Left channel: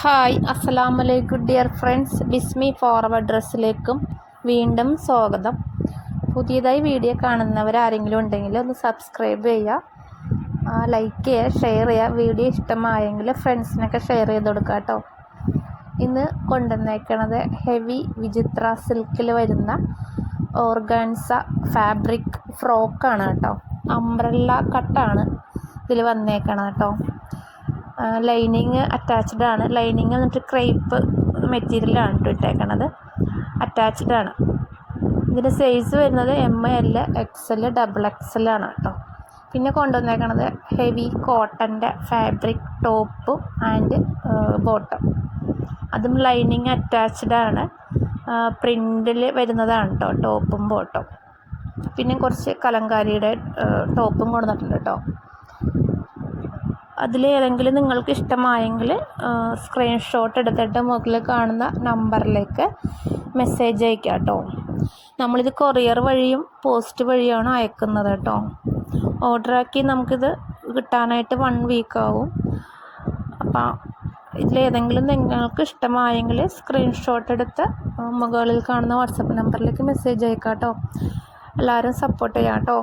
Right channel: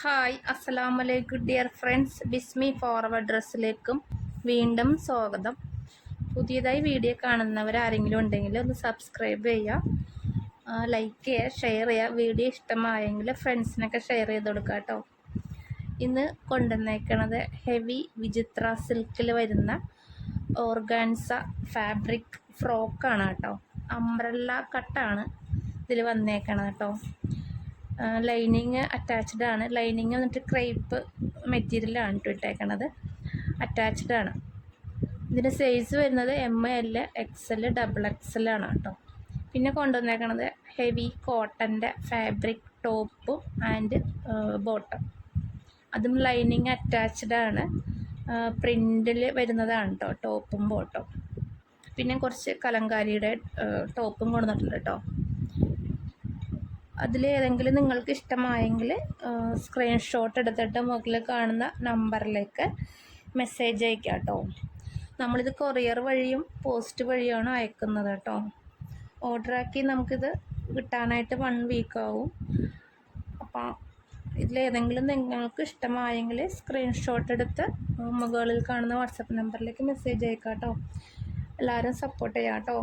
Hi അസ്സലാമലൈക്കും dear friends. ബിസ്മി forward ഡ്രസ്സിലേക്കും വീണ്ടും സ്വാഗതം. പുതിയതായി വീഡിയോ കാണുന്നവരാരെങ്കിലും ഉണ്ടെങ്കിൽ ഒന്ന് സബ്സ്ക്രൈബ് ചെയ്യുക, ലൈക്ക് ചെയ്യുക, ഷെയർ ചെയ്യുക. വീഡിയോ ഇഷ്ടമായെങ്കിൽ ഫ്രണ്ട്സിനൊക്കെ ഷെയർ ചെയ്ത് കൊടുക്കുക കേട്ടോ. ഇന്ന് കൊണ്ടുവന്നേക്കണത് ഹെവി വിചിത്ര സിൽക്കിൽ വരുന്ന ഓർഗാൻസ ഫാബ്രിക് ഫ്രോക്കാണ് കേട്ടോ. അംബ്രല്ല കട്ടാണ് ഇതിൽ വന്നേക്കണത് കേട്ടോ. ലൈനിങ് അറ്റാച്ച്ഡ് ആണ്. ലൈനിങ് എന്നിട്ട് ക്രേപ്പ് മെറ്റീരിയലാണ് കേട്ടോ ഇട്ടേക്കണത്. അറ്റാച്ച്ഡ് ആണ്. ഇതിൻ്റെ സൈസ് വരുന്നത് ML XL XXL ആണ് കേട്ടോ. പിന്നെ കൊണ്ടുവന്നേക്കണത് ഹെവി കോട്ടൻ്റെ ഫാബ്രിക് ടോപ്പും ആൻഡ് ബോട്ടം. അതും ലൈനിങ് അറ്റാച്ച്ഡ് ആണ്. പ്രിൻറ്റിൽ വരുന്നതാണ് കേട്ടോ ടോപ്പും ബോട്ടം. പിന്നെ കുറച്ച് കലങ്കാരിയുടെ ടോപ്പും കൊണ്ടുവന്നിട്ടുണ്ട് കേട്ടോ. അതിൽ ഏതെങ്കിലും നിങ്ങൾക്ക് ഇഷ്ടമായെങ്കിൽ സ്ക്രീൻഷോട്ട് എടുത്തിട്ട് മുകളിൽ കാണുന്ന നമ്പറിലേക്ക് മെസ്സേജ് അയക്കുക കേട്ടോ. നമ്മളിത് കൊറിയർ വഴിയും പോസ്റ്റ് വഴിയാണ് അയക്കുന്നത് കേട്ടോ. ഓർഡറാക്കി നമുക്കിത് കിട്ടാനായിട്ട് 1 വീക്ക് ആവും. അപ്പം ഇതിലേതെങ്കിലും നിങ്ങൾക്ക് ഇഷ്ടമായെങ്കിൽ സ്ക്രീൻഷോട്ട് എടുത്ത് മുകളിൽ കാണുന്ന വാട്സപ്പ് നമ്പറിലേക്ക് മെസ്സേജ് അയക്കാം കേട്ടോ. എല്ലാവരും സപ്പോർട്ട് ചെയ്യാം കേട്ടോ.